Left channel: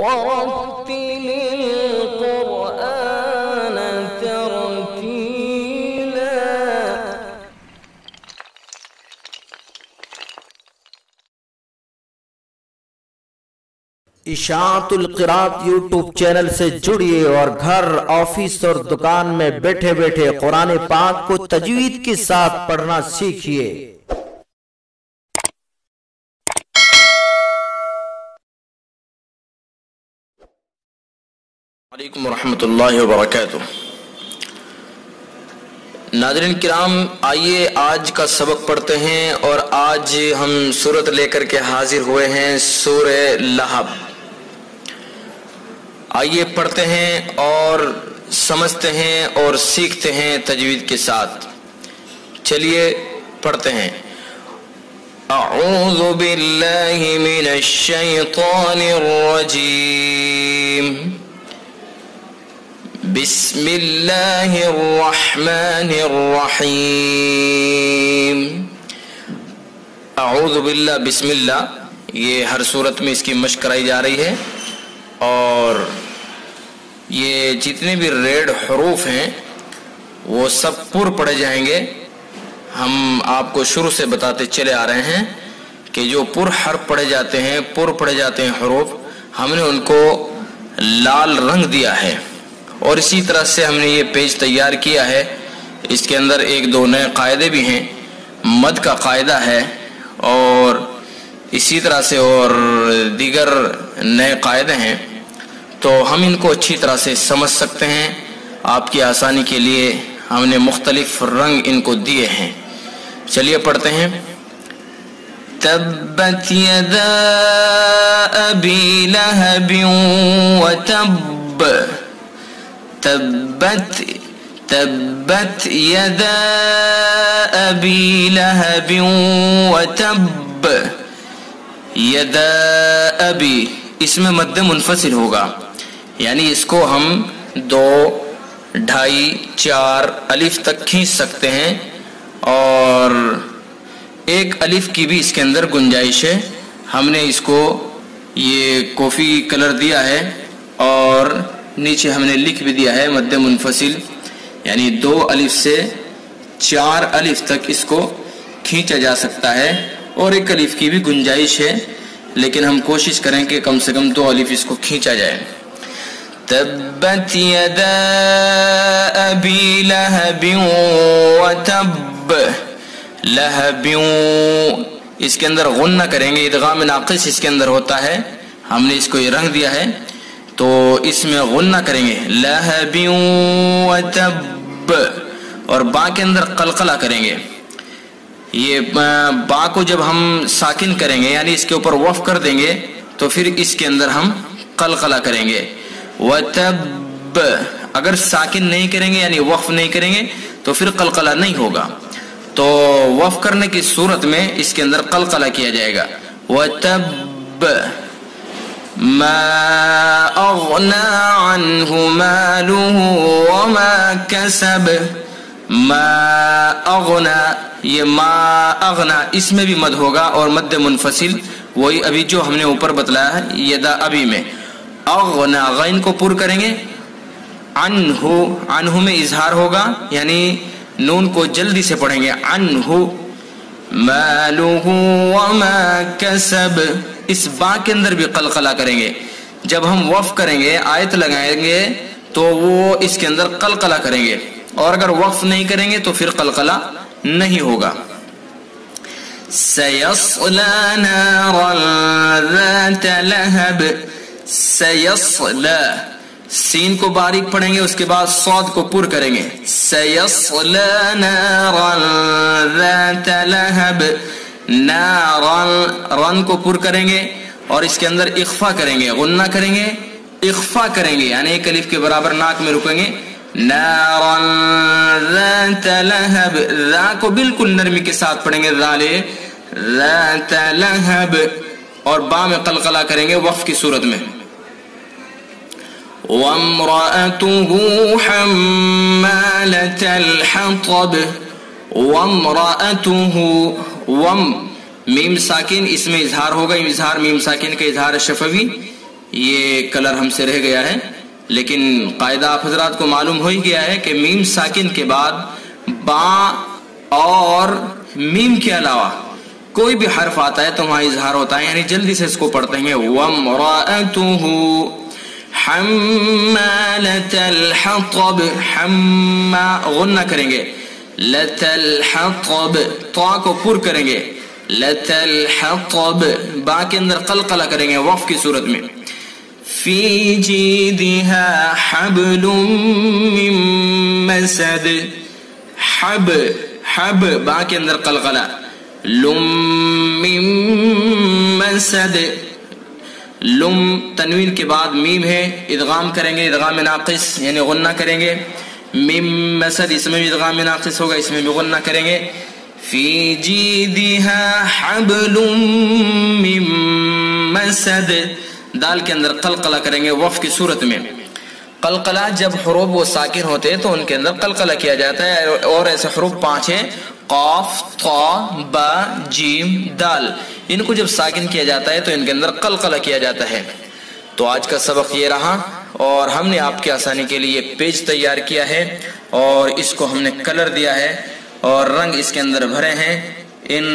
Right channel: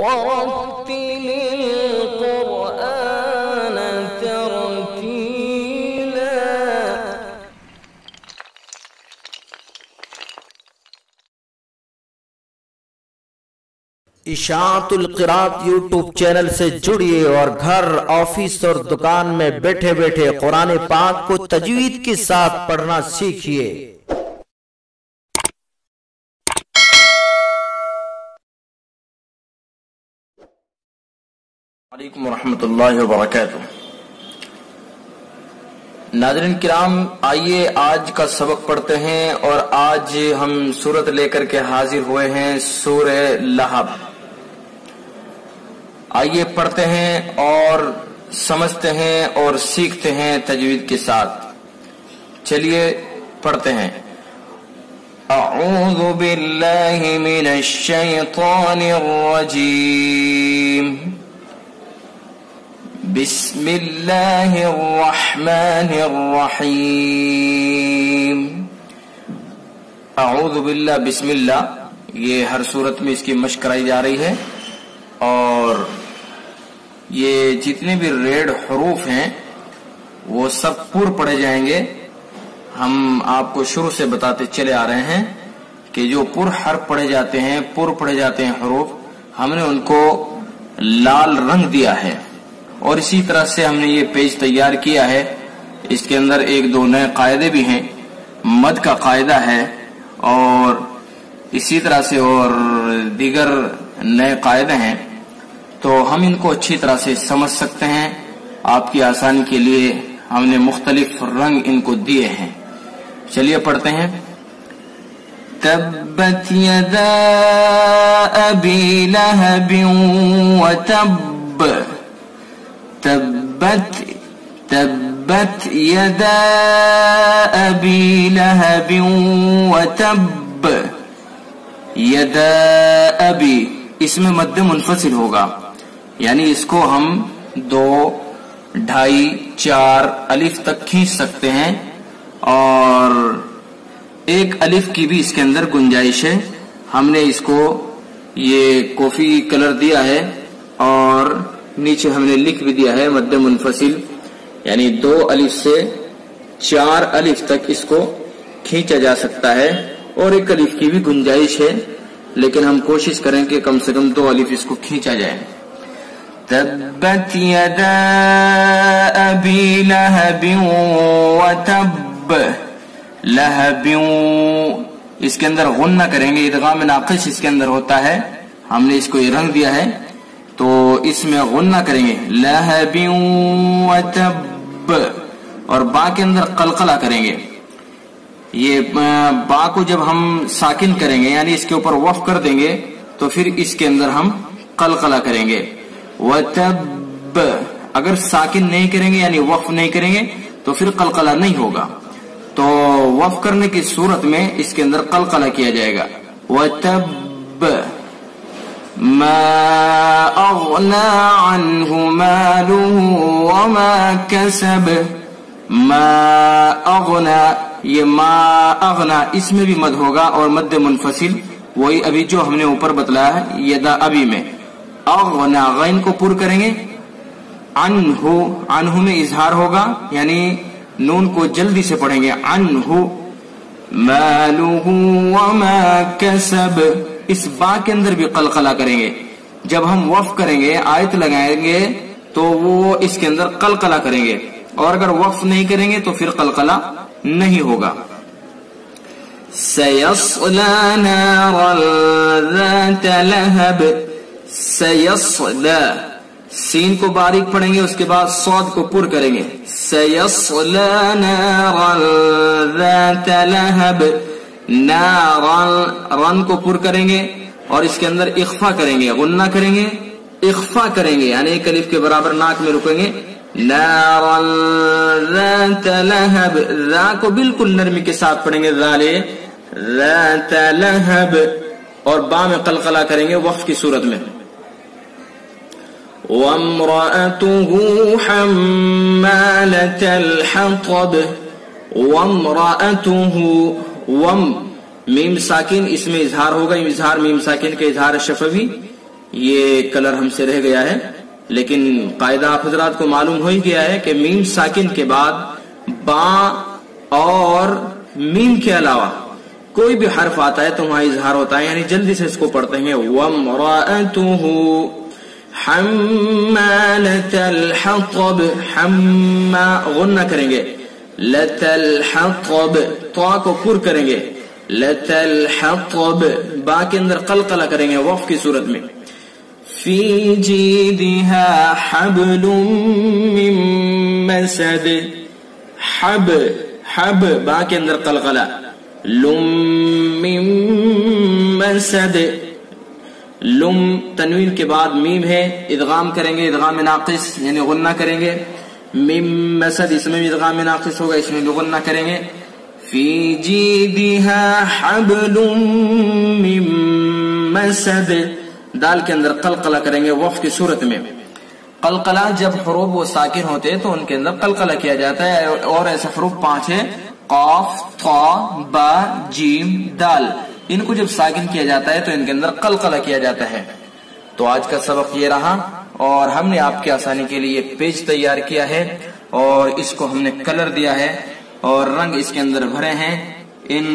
ورتل القرآن ترتيلا. اشاعت القرات یوٹیوب چینل سے جڑیے اور گھر، آفس اور دکان میں بیٹھے بیٹھے قرآن پاک کو تجوید کے ساتھ پڑھنا سیکھیے۔ علیکم ورحمۃ اللہ وبرکاتہ۔ ناظرین کرام، آئیے آج کا سبق پڑھتے ہیں، اور آج ہم سورت لے کر کے حاضر ہوئے ہیں، سورہ لہب۔ آئیے پڑھتے ہیں اور سمجھتے ہیں اور سیکھتے ہیں تجوید کے ساتھ۔ چلیے پڑھتے ہیں۔ اعوذ باللہ من الشیطان الرجیم، بسم اللہ الرحمن الرحیم۔ اعوذ باللہ، بسم اللہ، یہ ہر صورت میں اس کی مشق کرائی جا رہی ہے، اور یہ جتنے بھی ریڈ حروف ہیں وہ سب پر پڑھے جائیں گے۔ ہم آپ کو شروع سے بتاتے چلے آ رہے ہیں کہ جو پر حرف پڑھے جاتے ہیں، حروف، ہم نے ان کو لال رنگ دیا ہے، اور اسی طرح سے ہم نے یہ پیج تیار کیا ہے۔ اس کے اندر ایک دو نئے قاعدے بھی ہیں، مد کا قاعدہ ہے، اور اسی طرح سے اور دیگر نئے قاعدے ہیں، تو ہم ان کو اچھی طرح سے سمجھ سکتے ہیں۔ آپ کی آسانی کے لیے ہم نے مختلف رنگ ان کو دیے ہیں۔ چلیے پڑھتے ہیں۔ تبت یدا ابی لہب وتب، تبت یدا ابی لہب وتب، یدا ابی، اس میں مد منفصل ہوگا، یعنی اس کو ہم 2، 2.5، 4 الف تک کھینچ سکتے ہیں، اور 1 الف کی بھی اس کے اندر گنجائش ہے۔ ہم نے اس کو یہ کافی کلر دیا ہے، اور نیچے ہم نے لکھ بھی دیا ہے مد منفصل، یعنی 2 الف سے 4 الف تک اس کو کھینچا جا سکتا ہے، اور 1 الف کی بھی گنجائش ہے، لیکن ہم کوشش کریں کہ کم سے کم 2 الف اس کو کھینچا جائے۔ تبت یدا ابی لہب وتب، لہب، اس کے اندر غنہ کریں گے، ادغام ناقص اس کے اندر ہوتا ہے، ہم نے اس کو یہ رنگ دیا ہے، تو اس میں غنہ کریں گے، لہب وتب، اور با کے اندر قلقلہ کریں گے۔ یہ با کو جب ہم ساکن کریں گے، یعنی اس کے اوپر وقف کر دیں گے، تو پھر اس کے اندر ہم قلقلہ کریں گے۔ وتب، اگر ساکن نہیں کریں گے یعنی وقف نہیں کریں گے تو پھر قلقلہ نہیں ہوگا، تو وقف کرنے کی صورت میں اس کے اندر قلقلہ کیا جائے گا۔ وتب ما اغنى عنه ماله وما كسب، ما اغنى، یہ ما اغنى اس میں بھی مد ہوگا، اور مد منفصل وہی ابھی جو ہم نے اوپر بتلایا ہے یدا ابھی میں۔ اغنى، غین کو پر کریں گے، عنہ، عنہ میں اظہار ہوگا، یعنی نون کو جلدی سے پڑھیں گے، عنہ، مالہ وما کسب، اس با کے اندر بھی قلقلہ کریں گے۔ جب ہم وقف کریں گے، آیت لگائیں گے، تو وہ اس کے اندر قلقلہ کریں گے، اور اگر وقف نہیں کریں گے تو پھر قلقلہ نہیں ہوگا۔ سیصلی نارا ذات لہب، سیصلی، سین کو باریک پڑھیں گے، اس کے بعد صاد کو پر کریں گے، سیصلی نارا ذات لہب، نارا، رن کو پر کریں گے، اور اس کے اندر اخفا کریں گے، غنہ کریں گے، اخفا کریں گے، یعنی 1 الف کے برابر ناک میں رکیں گے، نارا ذات لہب، ذا کو بالکل نرمی کے ساتھ پڑھیں گے، ذات لہب، اور با میں قلقلہ کریں گے وقف کی صورت میں۔ وامرأته حمالة الحطب، وامرأته، وم، میم ساکن اس میں اظہار ہوگا، اظہار میم ساکن کا اظہار شفوی، یہ کلر ہم سے رہ گیا ہے، لیکن قاعدہ آپ حضرات کو معلوم ہو ہی گیا ہے کہ میم ساکن کے بعد با اور میم کے علاوہ کوئی بھی حرف آتا ہے تو وہاں اظہار ہوتا ہے، یعنی جلدی سے اس کو پڑھتے ہیں وَامْرَأَتُهُ حَمَّالَةَ الْحَطَبِ، غنہ کریں گے، لَتَ الْحَطَبِ، طا کو پر کریں گے، لَتَ الْحَطَبِ، با کے اندر قلقلہ کریں گے وقف کی صورت میں، فِي جِيدِهَا حَبْلٌ مِّن مَّسَدٍ، حب با کے اندر قلقلہ، لم مم مسد، لم تنوین کے بعد میم ہے، ادغام کریں گے، ادغام ناقص یعنی غنہ کریں گے، مم مسد اس میں بھی ادغام ناقص ہوگا، اس میں بھی غنہ کریں گے، فی جیدہا حبل من مسد، دال کے اندر قلقلہ کریں گے وقف کی صورت میں۔ قلقلہ جب حروف وہ ساکن ہوتے ہیں تو ان کے اندر قلقلہ کیا جاتا ہے، اور ایسے حروف 5 ہیں، قاف، طا، با، جیم، دال، ان کو جب ساکن کیا جاتا ہے تو ان کے اندر قلقلہ کیا جاتا ہے۔ تو آج کا سبق یہ رہا، اور ہم نے آپ کی آسانی کے لیے پیج تیار کیا ہے، اور اس کو ہم نے کلر دیا ہے اور رنگ اس کے اندر بھرے ہیں۔ ان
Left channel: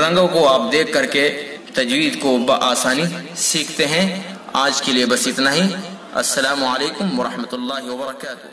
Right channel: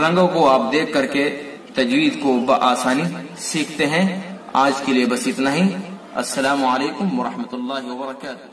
رنگوں کو آپ دیکھ کر کے تجوید کو بآسانی سیکھتے ہیں۔ آج کے لیے بس اتنا ہی۔ السلام علیکم ورحمۃ اللہ وبرکاتہ۔